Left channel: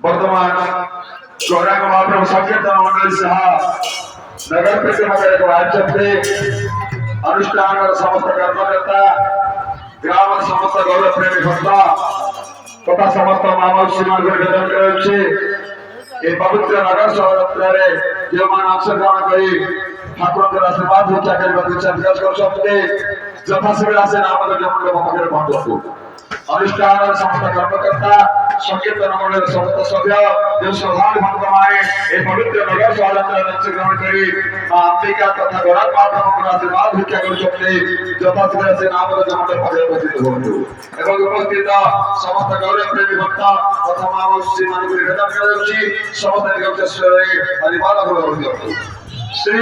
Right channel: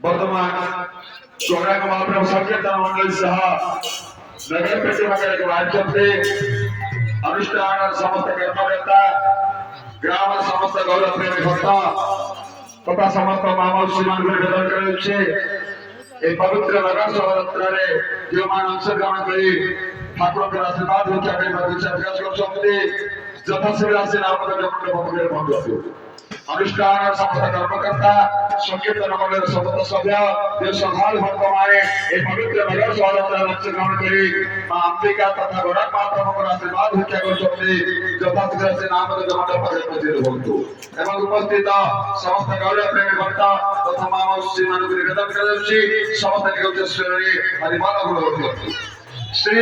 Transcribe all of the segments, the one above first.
वर्तमान प्रोग्राम महाप्रभु संकीर्तन मंडल सह नगर प्रतिमंडल राज्य अनुष्ठान समस्त कर्मकर्ता ग्राम समस्त गौर प्रेमी भक्त तथा समस्त महामौसी मान निवेदन कराउछि ए पवित्र नगर शोभायात्रा जो मान अंशग्रहण करी ठाकुर आशीर्वाद भिक्षा करने इच्छा प्रकाश कर यथाशीघ्र आसे नामक मंडल पाखे पहुंचु अनुष्ठान समस्त कर्मकर्ता संकीर्तन मंडल समस्त सभ्य जो श्रद्धालु भक्त माने पवित्र नगर शोभायात्रा अंशग्रहण करी अंबिका तथा गौरव माता आशीर्वाद भिक्षा कर यथाशीघ्र आसे नामक मंडल पाखे पहुंचु एवं उपस्थित समस्त गौरव प्रेमी भक्त तथा महामौसी मान निवेदन कराउछि समस्त निगम श्री हरिमाला बोल श्री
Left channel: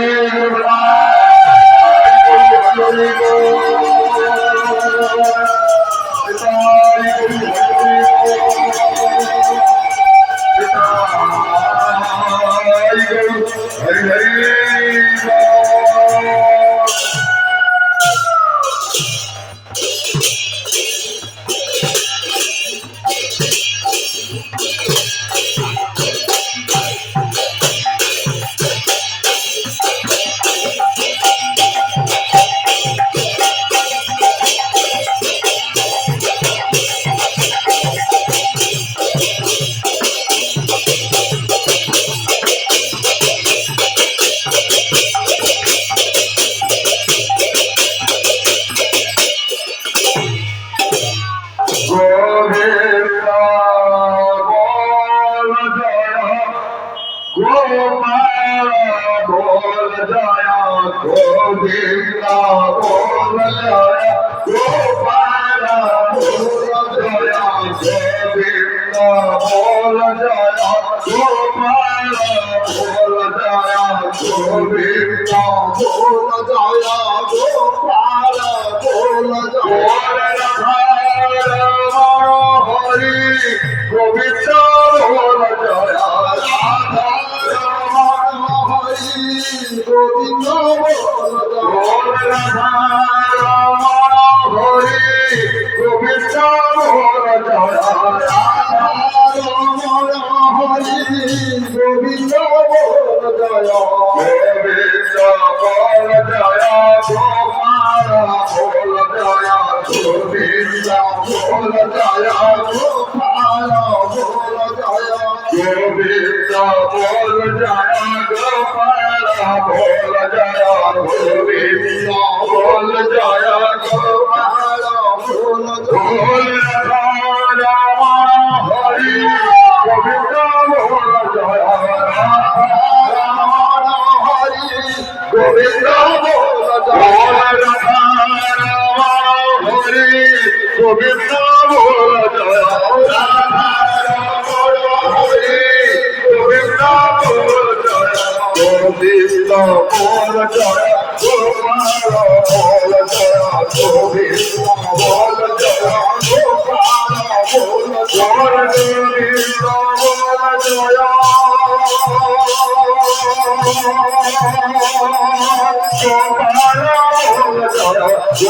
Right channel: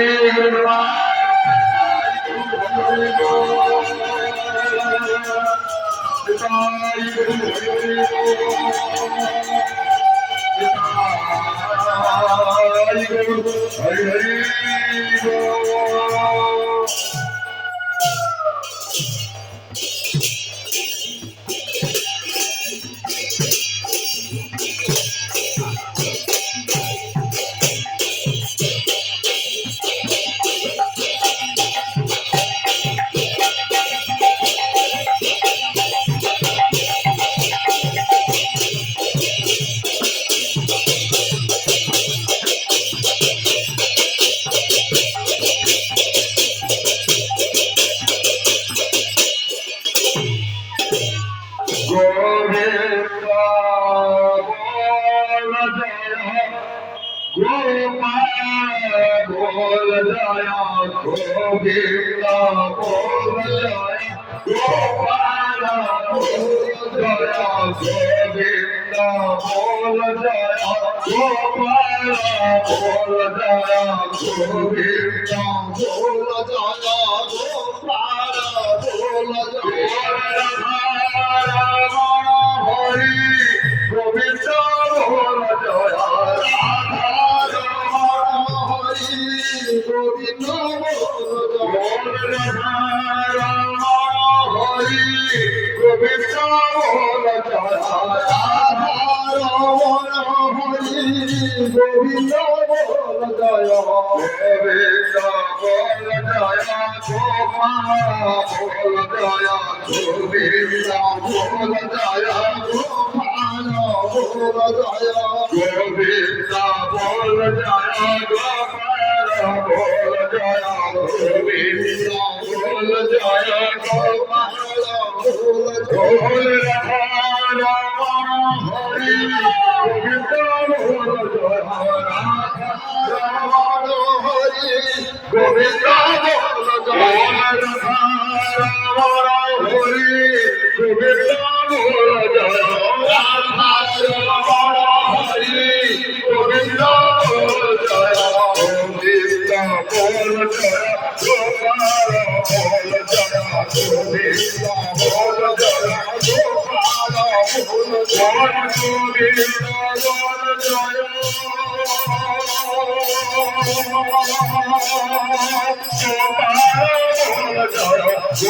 गुरु हरि हरि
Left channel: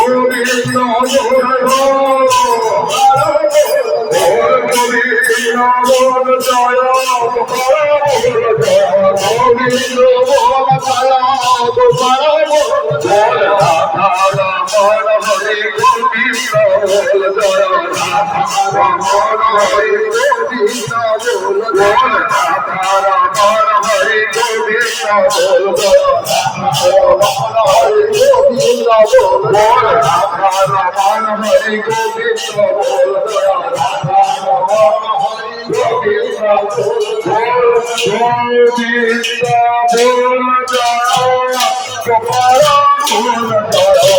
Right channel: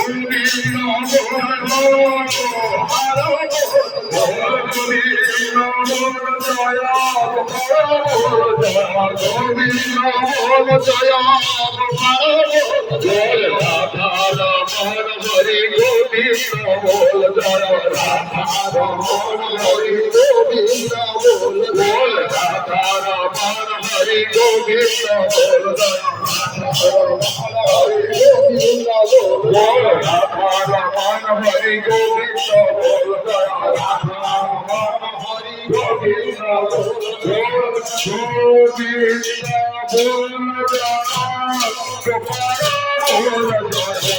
গোবিন্দ বল জয় গোবিন্দ বল জয় বল রাধা রমণ হরি গোবিন্দ বল জয় রাধা রমণ হরি গোবিন্দ বল রাধা রমণ হরি গোবিন্দ বল জয় বল রাধা রমণ হরি গোবিন্দ বল জয় রাধা রমণ হরি গোবিন্দ বল গোবিন্দ বল জয় গোপাল বল জয়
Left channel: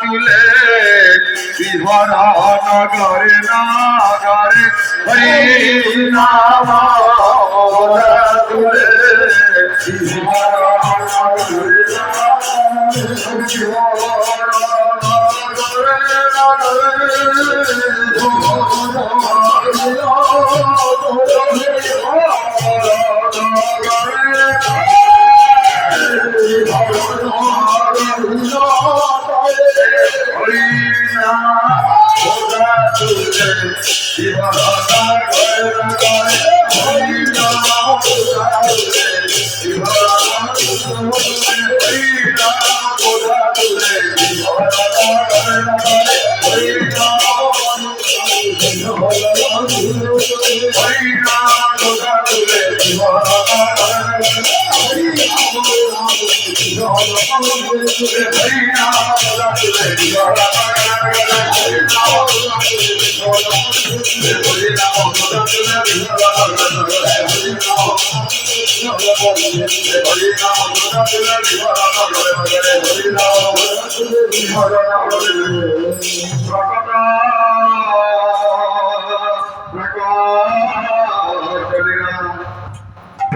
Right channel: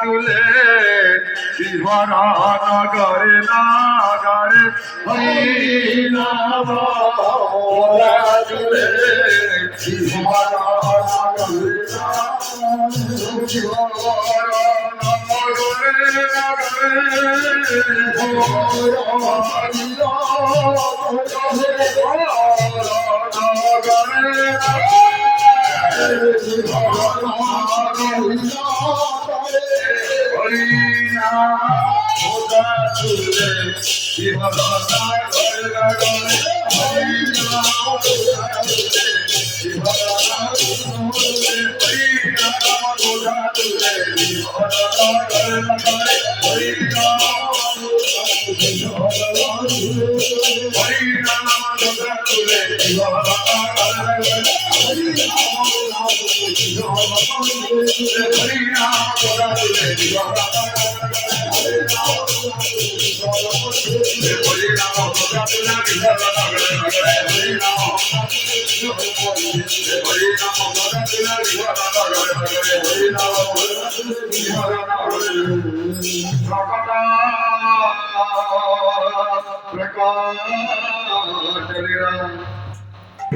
তুলে বিহর নগরে নাগরে হরি নাম তুলে বিহর নগরে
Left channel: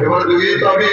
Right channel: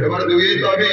এবার দুই তবে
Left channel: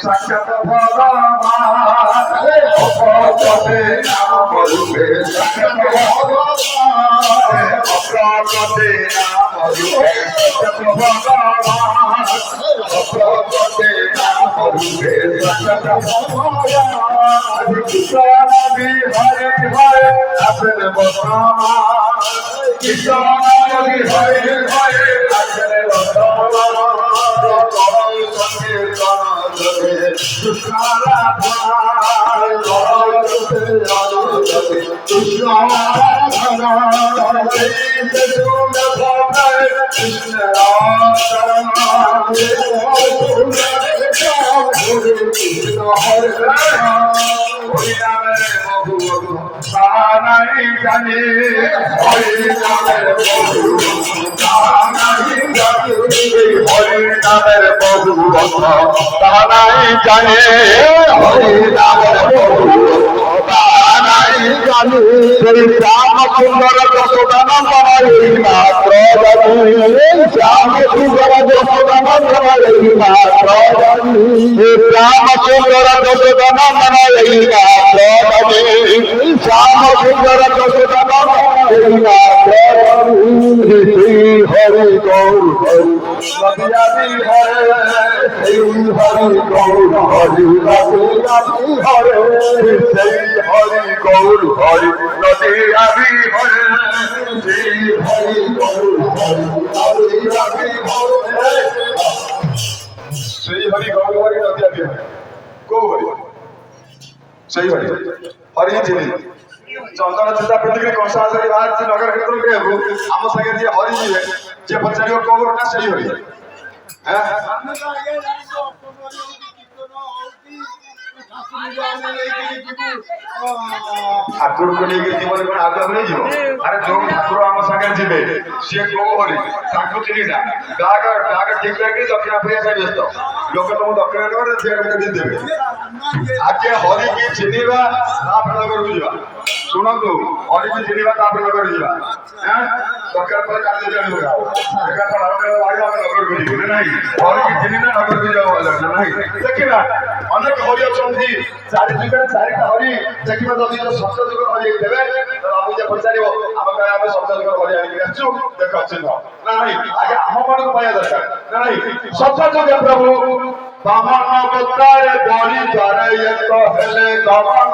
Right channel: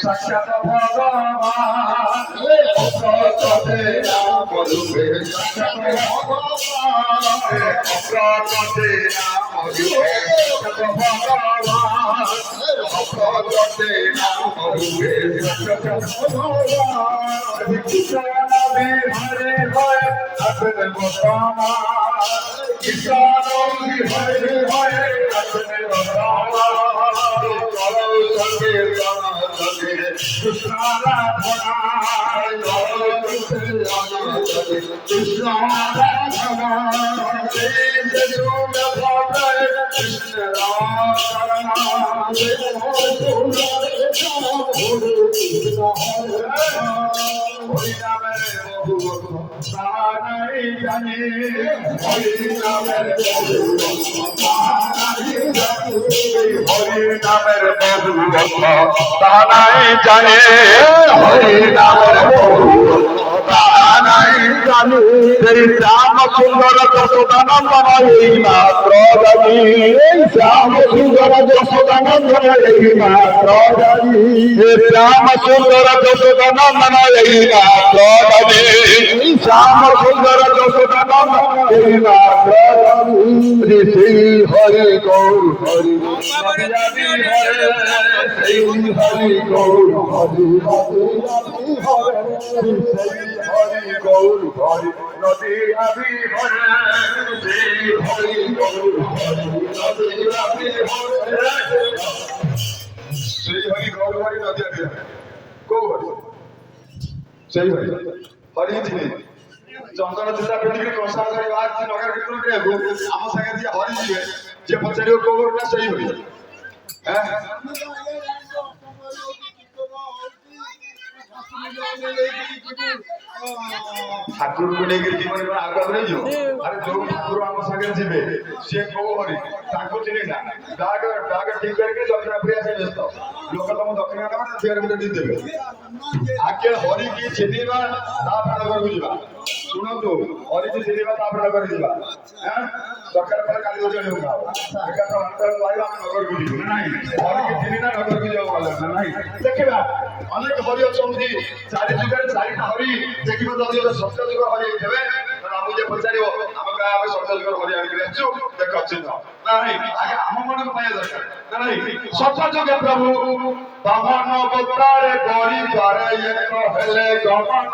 সাক্ষাৎ ভগবান অপরপদে নাম রূপে সাক্ষাৎ ভগবান অপরপদে নাম রূপে সাক্ষাৎ ভগবান অপরপদে নাম রূপে সাক্ষাৎ ভগবান কৃষ্ণ হরে হরে আপন বর্তমান কৃষ্ণ হরে হরে আপন বর্তমান হরিনামের বহু তাহাই জানে হরি নামের শ্যাম সুন্দর যশোদানন্দন মাত্র শ্যাম সুন্দর যশোদানন্দন মাত্র শ্যাম সুন্দর যশোদানন্দন মাত্র শ্যাম সুন্দর যশোদানন্দন মাত্র শ্রী হরি গৌর হরি হরে সেই হরি গৌর হরি হরে সেই হরি গৌর হরি নদী আবি হরে সেই হরি গৌর হরি সেই হরি গৌর হরি নদী আবি হরে কৌ হরি সেই হরি হরি ছিলি চন্দন চিন্তা পিন্ধিକି କଂସା କରି ବାହାରିଛି ନଗର କୀର୍ତ୍ତନ କରିବାକୁ ଆମ ସାଙ୍ଗେ ଯିଏ ହରି ଯିବେ ଯିଏ ପଚାରିବ କୋଉ ନା ସେଇ ହରି ଠାକୁରଙ୍କୁ ନେଇକି ଜୀବନ କଣ ଆଗରେ ଯିବ ଆରେ ଯୋଉ ଠାକୁର ଆମ ସାଙ୍ଗରେ ଯିବେ ସିଏ କୋଉ ହରି ତାଙ୍କୁ ଚିହ୍ନି ନା ବାହାଘ ଠିକ କରିକି ଦକ୍ଷିଣ ଆଫ୍ରିକା ପାଇଁ ବ୍ୟସ୍ତ ଲୋକ ତମକୁ ଦକ୍ଷିଣ ନେବେ ସିଆଡେ ଗୋଟେ ଦେଇଦେବେ ଆଗେ ହରିକି ଚିହ୍ନିବା ତାପରେ ନଗରକୁ ଯିବା ଶୁଣନ୍ତୁ ହରିକି ଚିହ୍ନିବା ତାପରେ ନଗରକୁ ଯିବା ଦରକାର ପଡେ କାଲି ଆଣିବୁ ଏକାଥର ବାড়ি ଆମେ ନଗରକୁ ଯିବୁ ନା ନାହିଁ ହରିକି ଚିହ୍ନିନା ନଗରକୁ ଯିବା ନା ନାହିଁ ଦେଖିବା ଅନେକ ହରି ଅଛନ୍ତି ଚାରି ଯୁଗରେ ଚାରିଟା ହରି ଦେଖିବା ଯଦି ସପ୍ତ ଯୁଗ ହରି ହେଇଥିବେ ଆମକୁ ଯିଏ ପଚାରିବ ଆମେ କହିବା ଆମେ ସପ୍ତ ଯୁଗ ହରି ଆଣିକି ଆସିଛୁ ଦେଖ ଚିହ୍ନ ନା ନାହିଁ ଆଗେ ଆମ ମାନଙ୍କୁ ପାଇବା ଦରକାର ନା ନାହିଁ ସପ୍ତ ଯୁଗ ପ୍ରଭୁ বামন অবতারে বলি ধরে এক হেলে গমন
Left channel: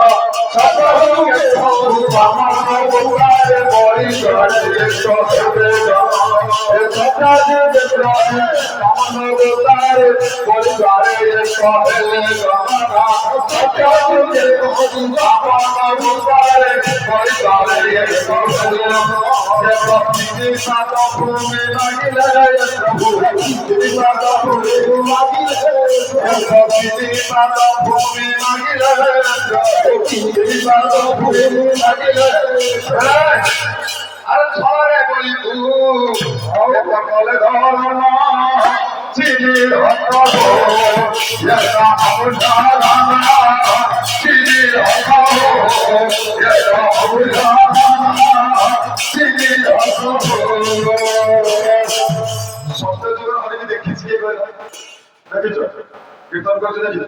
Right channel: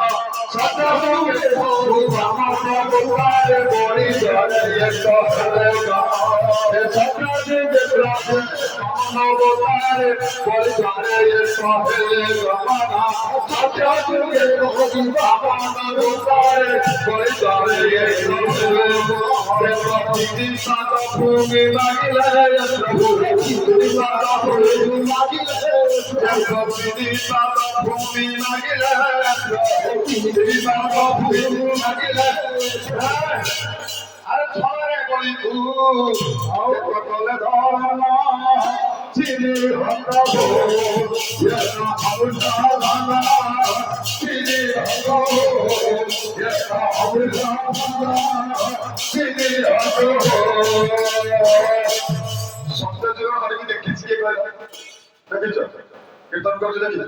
সতহুকে প্রভু বামন অবতারে বলি ধরে এক হেলে গমন সকালে প্রভু বামন অবতারে বলি ধরে এক হেলে গমন সকালে প্রভু বামন অবতারে বলি ধরে এক হেলে গমন ভক্তি সাত ভূমি লাগিলে প্রভু ভক্তি সাত ভূমি লাগিলে ভক্তি সাত ভূমি লাগিলে ভক্তি সাত ভূমি লাগিলে আরে ছড়ে বলি কলে ধরন চিনি হত এটা অবধারণা চিনি হত এটা অবধারণা চিনি হত সত্য জীবন অনেকে দেখেছি দেখেছ কীর্তন করছো দেখি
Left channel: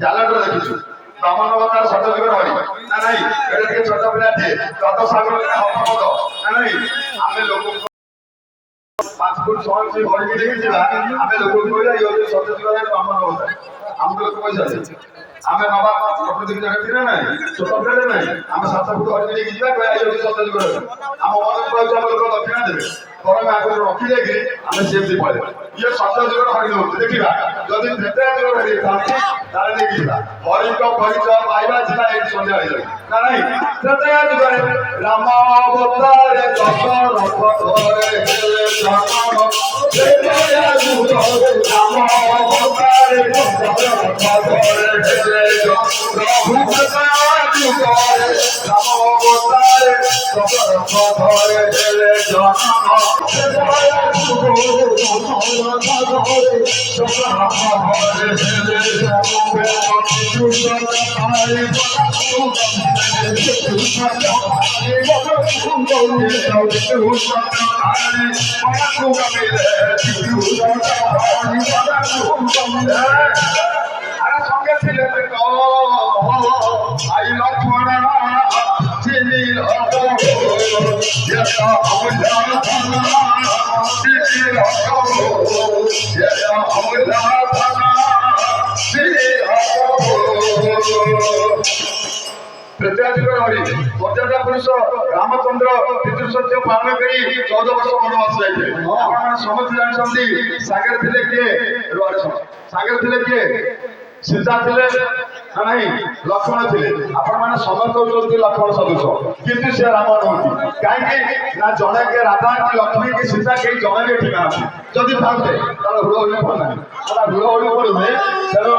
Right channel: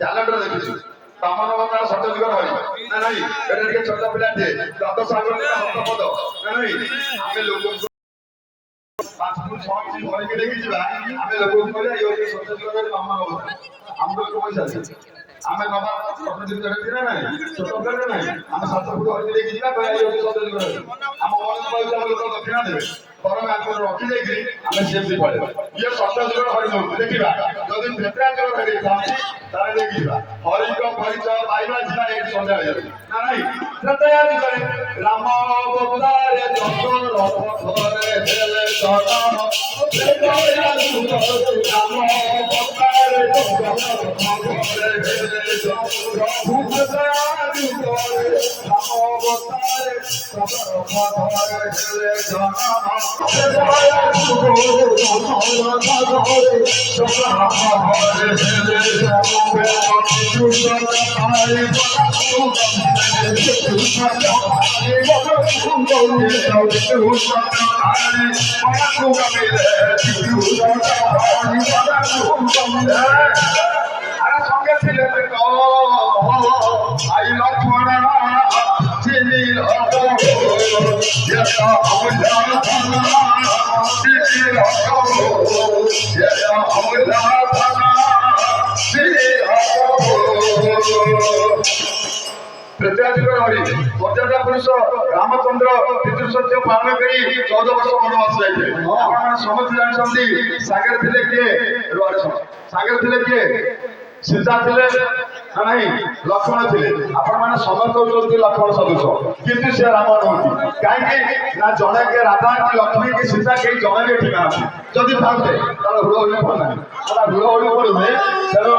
ক্যালেন্ডার দেখেছি বামন অবতার সত্য জীবন হয় না নাই এটা ଟିକେ ছোট ପିଲାଟେ যত ସାଗର ହବ ହବ ନା ନାଇଁ ଆମେ ଲୋକଙ୍କୁ 5 ফুট 6 ইঞ্চি হরিକି ଦେଖିଯିବା ଆମେ ଲୋକଙ୍କୁ କହିବା ଇଏ ହଉଛି ସତ୍ୟ ଯୁଗରେ ବାମନ ଅବତାର ଆମକୁ ଲୋକ କହିଯାନ୍ତି ଆମେ ନବା ପ୍ରକୃତିକୁ ଜଗତି ନା ନାହିଁ ଛୋଟ ପିଲାଟେ ନାହିଁ ଆମେ 7 ফুট ହରିକି ଦେଖିଯିବା କହିବା ଇଏ ହଉଛି ସତ୍ୟ ଯୁଗରେ ଆମ ମନକୁ କହିଛୁ ଆମ ଲୋକ ଦକ୍ଷିଣା ଦେବେ ତରଙ୍ଗ ଆଗରୁ ରଖିଦେଇକି ଆମେ ସେମିତି ପଳେଇବା ଇଏ ସତ୍ୟ ଯୁଗରେ ହରି ନଉଛି ଦେଖିବା ଯଦି ତ୍ରେତୟା ଯୁଗରେ ହରି ଥାନ୍ତି ତାହେଲେ ଦେଖିବା ହରିଙ୍କ ପରିଚୟ ପାଇବା ଯିବା ଏଇଠି ସନ୍ଧ୍ୟା ହେଇଯାଉଛି ନା ନାହିଁ ତ୍ରେତୟା ଯୁଗରେ ରାମ ଅବତାରେ ଦଶରଥ ଘରେ ହେଲେ ଜନମ ତ୍ରେତୟା ଯୁଗରେ ରାମ ଅବତାରେ ଦଶରଥ ଘରେ ହେଲେ ପ୍ରଭୁ ତ୍ରେତୟା ଯୁଗରେ ରାମ ଅବତାରେ ଦଶରଥ ଘରେ ହେଲେ ଜନମ ତ୍ରେତୟା ଯୁଗରେ ଦଶରଥ ଘରେ ଦଶରଥ ଘରେ ହେଲେ ଜନମ সঙ্গে ছিলে আই লক্ষ্মণ চিনি ତ୍ରେତୟା ଯୁଗରେ ହରି ମର୍ଯ୍ୟାଦା ପୁରୁଷ ରାମଚନ୍ଦ୍ର ପିତୃସତ୍ୟ ପାଳନ କରି 14 ବର୍ଷ ବନବାସ ଯାଇଥିଲେ ଆପଣମାନେ ସମସ୍ତେ ଜାଣିଛନ୍ତି ସାଗର ଥିଲେ କିଏ ସାଗର ଥିଲେ କିଏ ସୀତା ଥିଲେ ନା ନାହିଁ ଲକ୍ଷ୍ମଣ ଥିଲେ ଆପଣମାନେ ସମସ୍ତେ ହଉଛନ୍ତି ଲକ୍ଷ୍ମଣ ସଦୃଶ କିନ୍ତୁ ସେ ରାମ ନୁହନ୍ତି କାହିଁକି ନା ଜଣେ କେ ରାଧା କି ଲକ୍ଷ୍ମୀ କି ସୀତା କେହି ଜଣେ ବି ଏଠି ନାହାନ୍ତି ଯଦି ଥାନ୍ତେ ତାହେଲେ ହୁଳହୁଳି ପଡୁନାହିଁ ହୁଳହୁଳି ପଡୁନି ତେଣୁ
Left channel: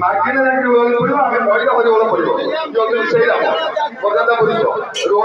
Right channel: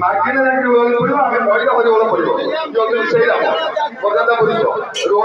ମାଗିଲେ ଯାଇକି ହୁଳହୁଳି ପଡିବ ଆମେ କହିଲେ ହରିବୋଳ ପଡିବ ଯଦି ସେଇ ରାମ ମର୍ଯ୍ୟାଦା ପୁରୁଷ ରୁହ